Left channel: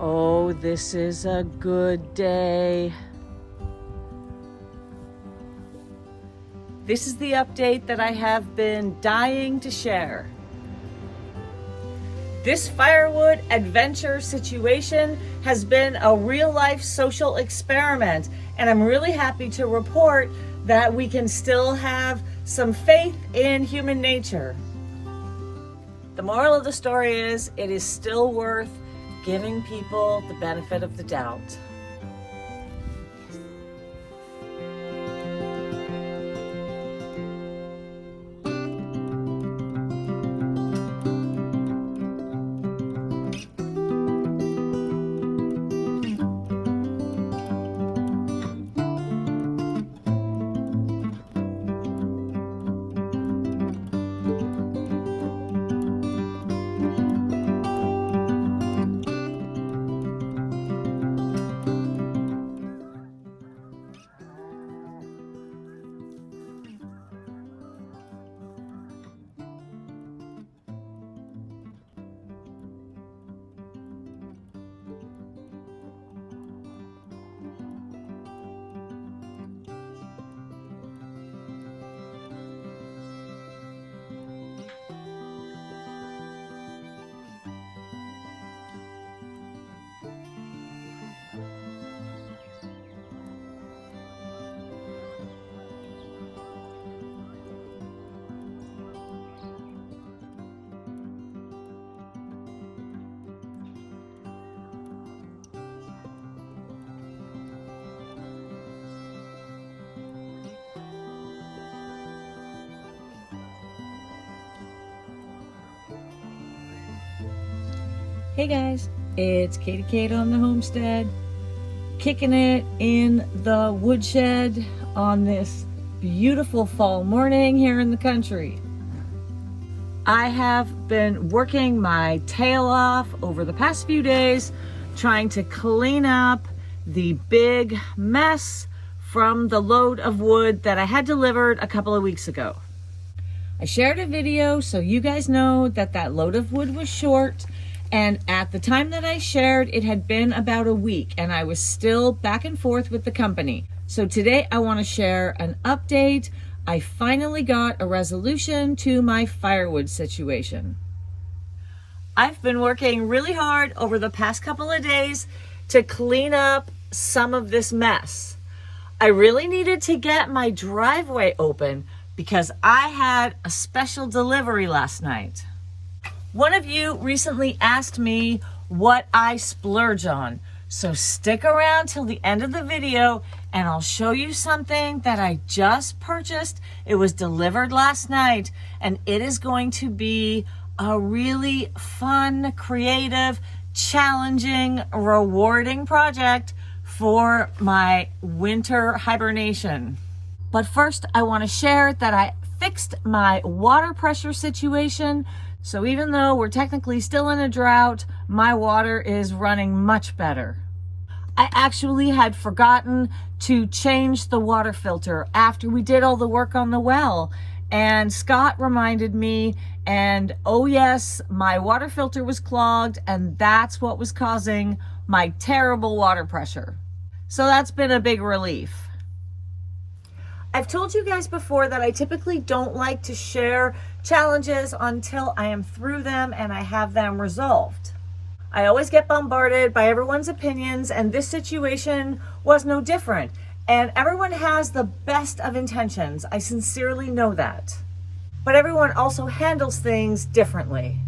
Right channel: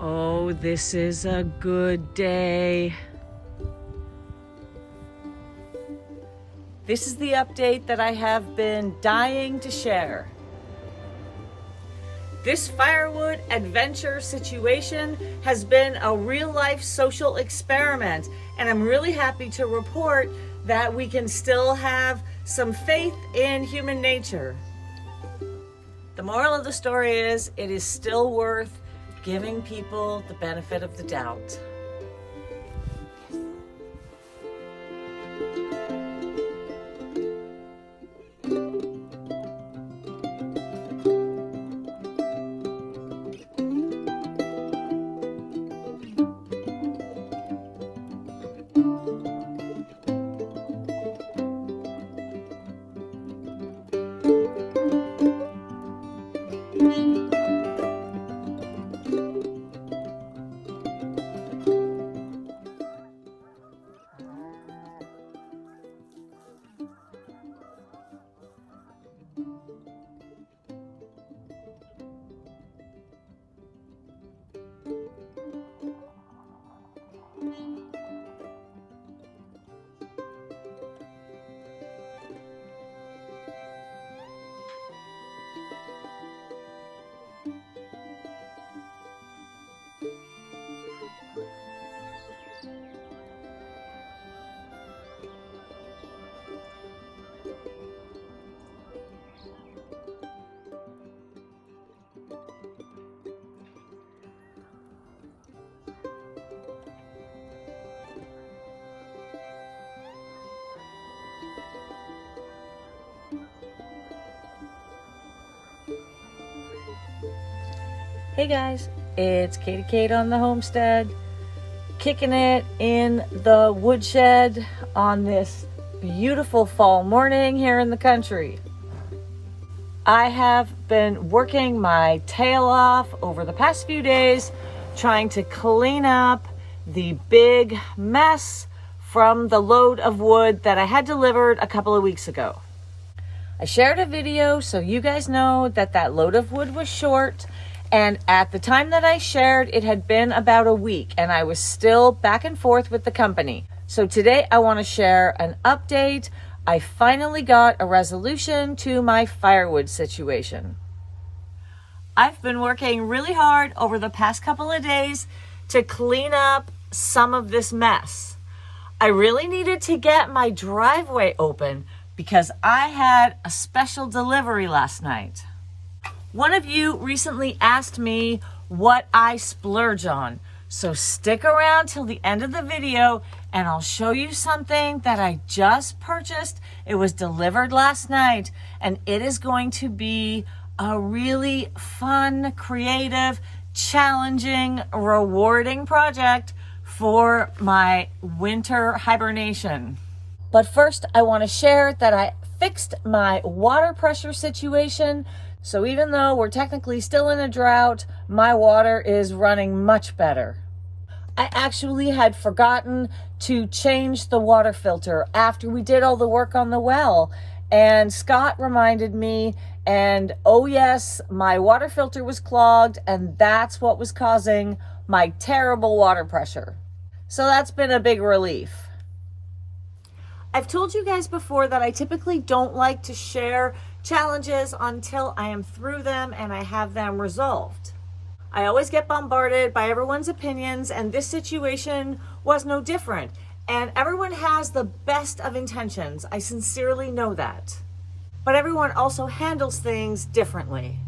Oh, this is a good day. This is the update that I have been dying to share. This firewood adventure situation has been a real-life social experiment, and I'm really happy to report that we can still have some faith in human nature. The moral of the story is, it is still worth giving people the benefit of the doubt. Hey guys, it's Katie Kate on the Homestead, kicking it in the woodshed on this beautiful fall morning here in the country. I have been working my tail off over the past few days trying to clean up the big mess from the load of wood that I had delivered a couple of weeks ago. I shared a video so you guys know that that load of wood was short. And at the time that I shared, it had been about a week and I was still back and forth with the company. So today I want to share an update. I finally got a resolution to my firewood situation. I've been working really hard over the past couple of days to clean up some of this mess. I really needed to get my driveway open because I had a special delivery last night. One of you recently asked me what I splurge on, so stick around till the end of the video and I'll show you something that I just purchased. It was delivered last night and it is going to be a really fun, creative, challenging, rewarding project for my winter hibernation. But first, I want to share that I fixed my water pressure situation. So even though we're technically still in a drought, my water is running much better. I actually had forgotten to change the water filter after we did all the work on the well. And Scott reminded me, and oh yes, my water filter was clogged and that's what was causing my terrible water pressure. So that's been a big relief. I've told you guys before that I typically don't like to share challenges until I am through them and I have them resolved. I always get bombarded by everyone's opinions, and this situation was no different. And everyone has the best of intentions. I sincerely know that. But everyone also handles things differently.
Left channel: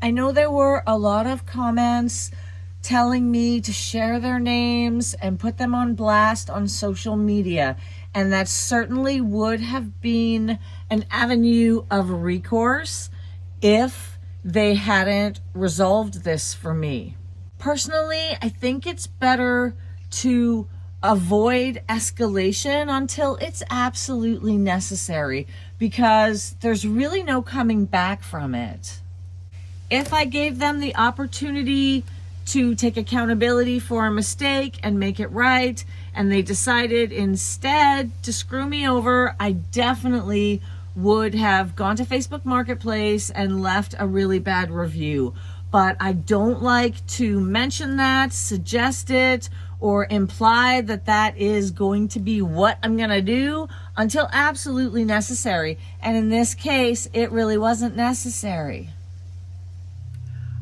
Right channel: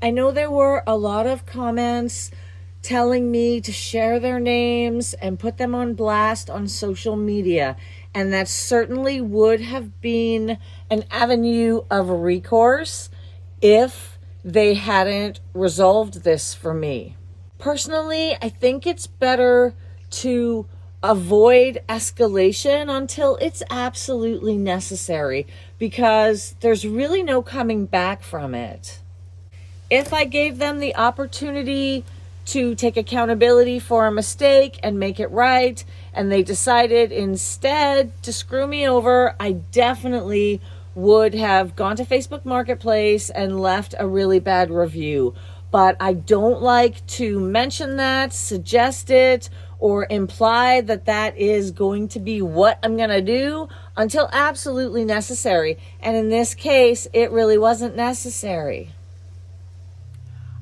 I know there were a lot of comments telling me to share their names and put them on blast on social media. And that certainly would have been an avenue of recourse if they hadn't resolved this for me. Personally, I think it's better to avoid escalation until it's absolutely necessary, because there's really no coming back from it. If I gave them the opportunity to take accountability for a mistake and make it right, and they decided instead to screw me over, I definitely would have gone to Facebook Marketplace and left a really bad review. but I don't like to mention that, suggest it, or imply that that is going to be what I'm gonna do until absolutely necessary. And in this case, it really wasn't necessary.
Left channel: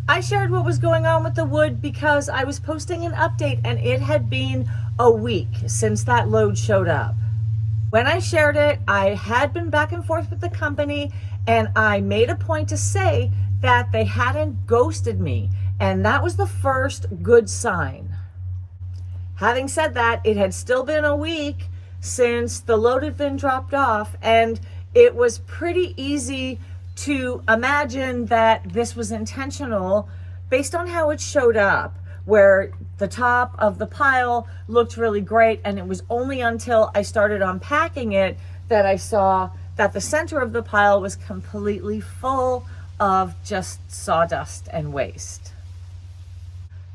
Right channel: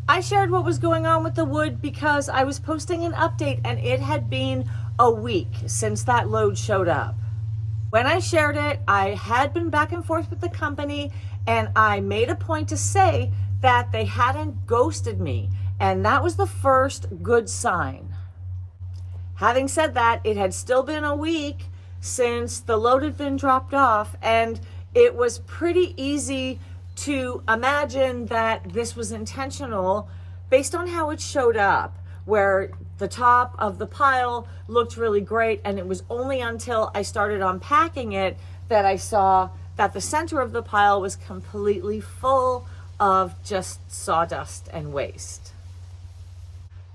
I shared what was going on with the wood because I was posting an update and it had been a week since that load showed up. When I shared it, I had been back and forth with the company and I made a point to say that they hadn't ghosted me, and that was the first good sign. Having said that, it had still been a week since the load had been dropped off, and it was pretty easy to imagine that this was intentional based on how it showed up, where the top of the pile looked really great, and it was only until I started unpacking it that I saw that the center of the pile was completely full of just sawdust and waste.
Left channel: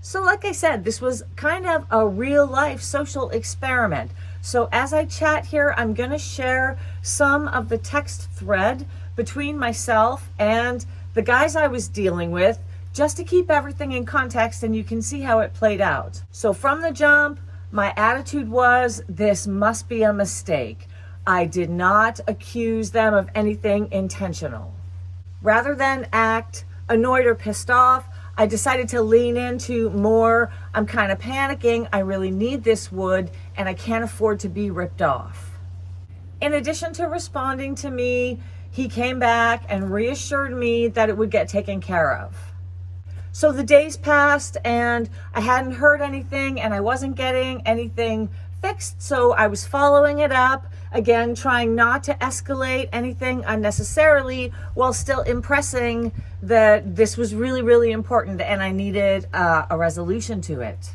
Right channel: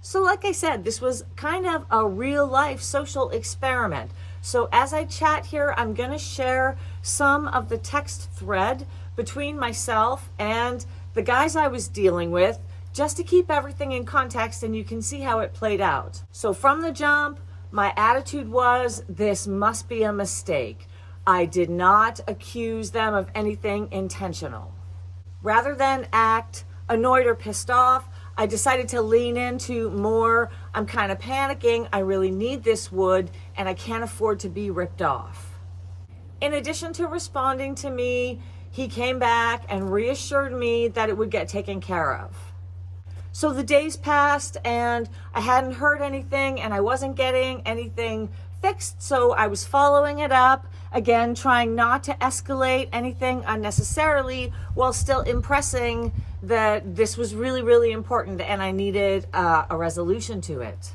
So like I said, this was kind of a real life social experiment. So as I chat here, I'm gonna share some of the text thread between myself and the guys I was dealing with, just to keep everything in context and you can see how it played out. So from the jump, my attitude was, this must be a mistake. I did not accuse them of anything intentional. Rather than act annoyed or pissed off, I decided to lean into more, I'm kind of panicking, I really need this wood, and I can't afford to be ripped off. In addition to responding to me, he came back and reassured me that it would get taken care of. So the days passed and I hadn't heard anything and I wasn't getting anything fixed, so I was following it up, again, trying not to escalate anything unnecessarily while still impressing that this was really, really important and I needed a resolution to it.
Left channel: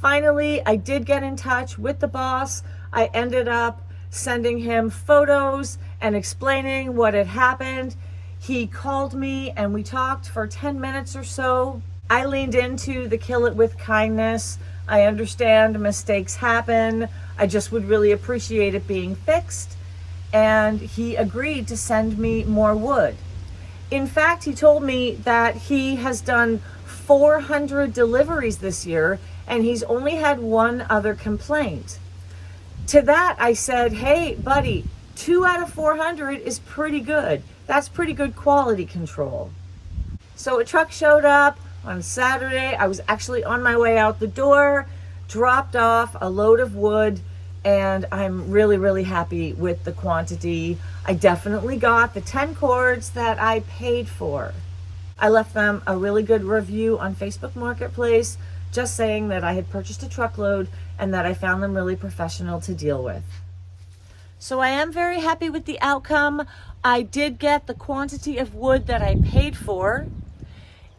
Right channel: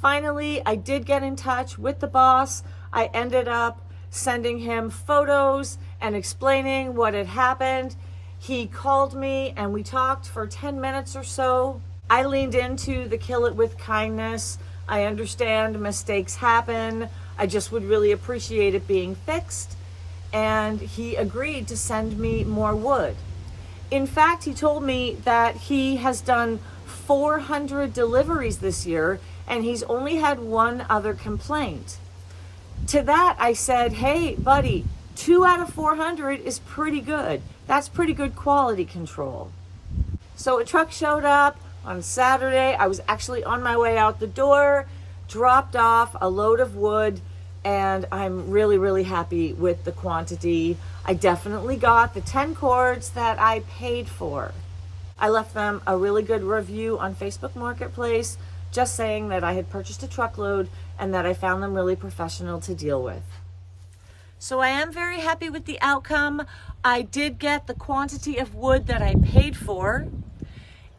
Finally, I did get in touch with the boss. I ended up sending him photos and explaining what had happened. He called me and we talked for 10 minutes or so. I leaned into the kill it with kindness. I understand mistakes happen. I just would really appreciate it being fixed. And he agreed to send me more wood. In fact, he told me that he has done 400 deliveries this year and he's only had one other complaint. To that, I said, hey, buddy, 2 out of 400 is pretty good. That's pretty good quality control. So a truck showed up on Saturday. I was actually on my way out the door, dropped off a load of wood, and I'm really, really happy with the quantity. I definitely got the 10 cords that I paid for. I left them a really good review on Facebook Marketplace, just saying that I had purchased a truckload and that I found them really professional to deal with. So I am very happy with the outcome. I did get the quantity of wood that I paid for.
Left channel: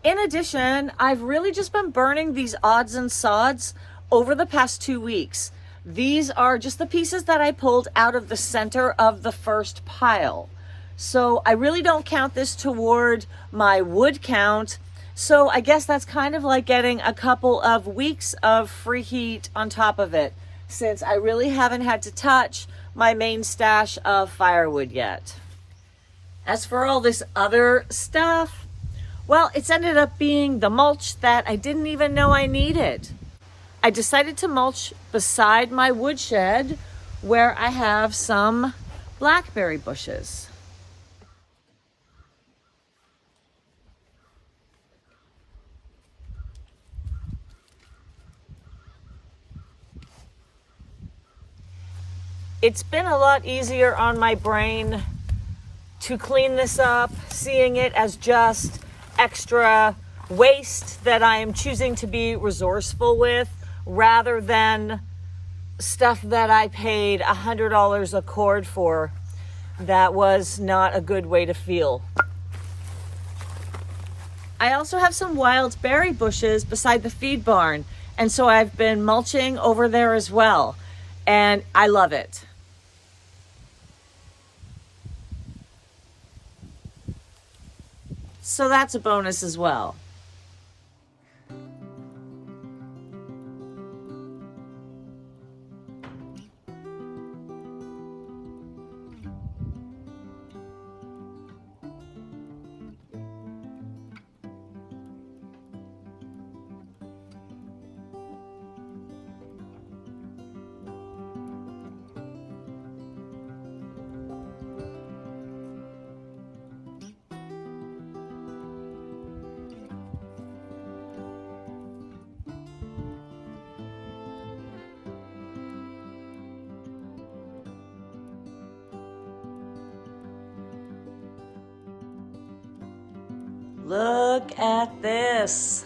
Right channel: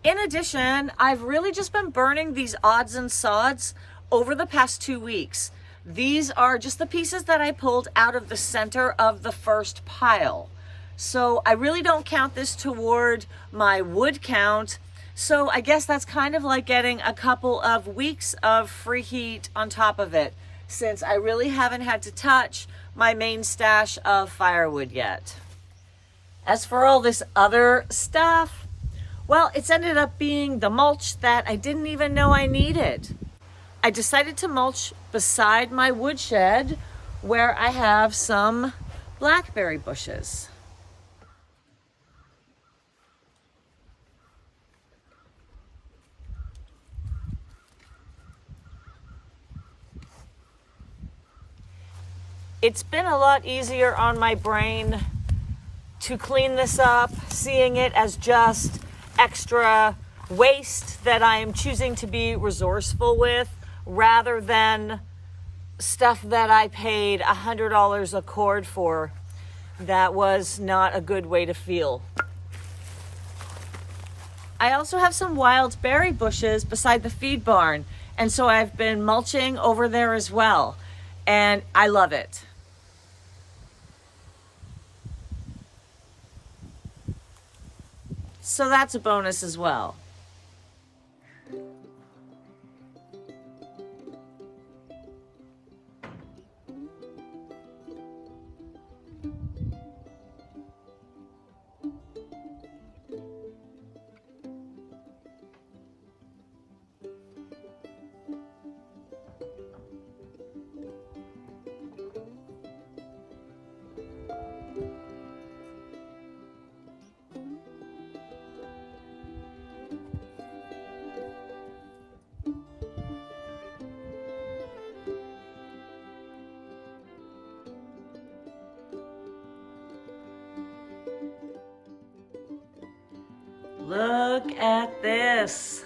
In addition, I've really just been burning these odds and sods over the past 2 weeks. These are just the pieces that I pulled out of the center of the first pile. So I really don't count this toward my wood count. So I guess that's kind of like getting a couple of weeks of free heat on top of it, since I really haven't had to touch my main stash of firewood yet. As for all this other stuff, well, it's ended up being the mulch that I didn't even know I needed. I decided to mulch beside my woodshed where I have some blackberry bushes. It's been a lot easier on my brain to clean this up, seeing it as just extra waste that I am choosing to be resourceful with, rather than stuff that I paid $100 a cord for. That was not a good way to feel. I also have some wild berry bushes beside the feed barn, and so I've been mulching over there as well, and I love it. So that's a bonus as well. Look at this.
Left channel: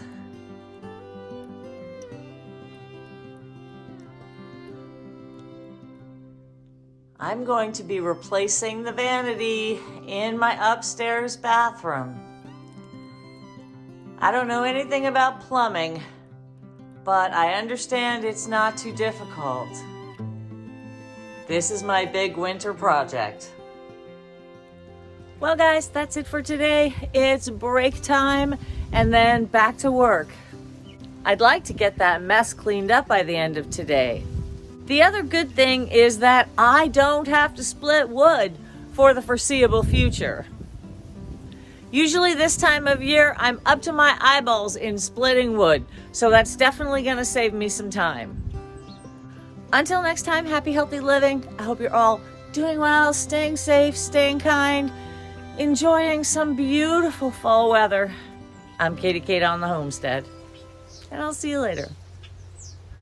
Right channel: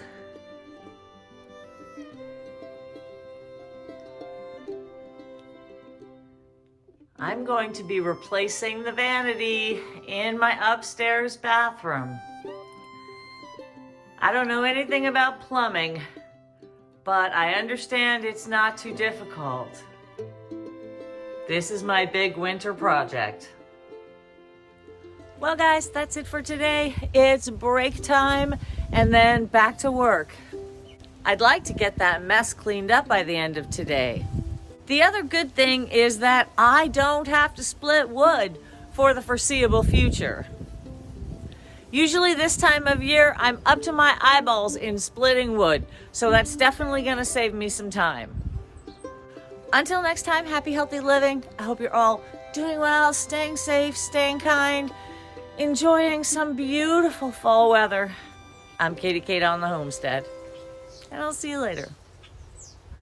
I'm going to be replacing the vanity in my upstairs bathroom. I don't know anything about plumbing, but I understand it's not too difficult. This is my big winter project. Well guys, that's it for today. It's break time and then back to work. I'd like to get that mess cleaned up by the end of today. The other good thing is that I don't have to split wood for the foreseeable future. Usually this time of year, I'm up to my eyeballs in splitting wood, so that's definitely gonna save me some time. Until next time, happy, healthy living. I hope you're all doing well, staying safe, staying kind, enjoying some beautiful fall weather. I'm Katie Kate on the Homestead, and I'll see you later.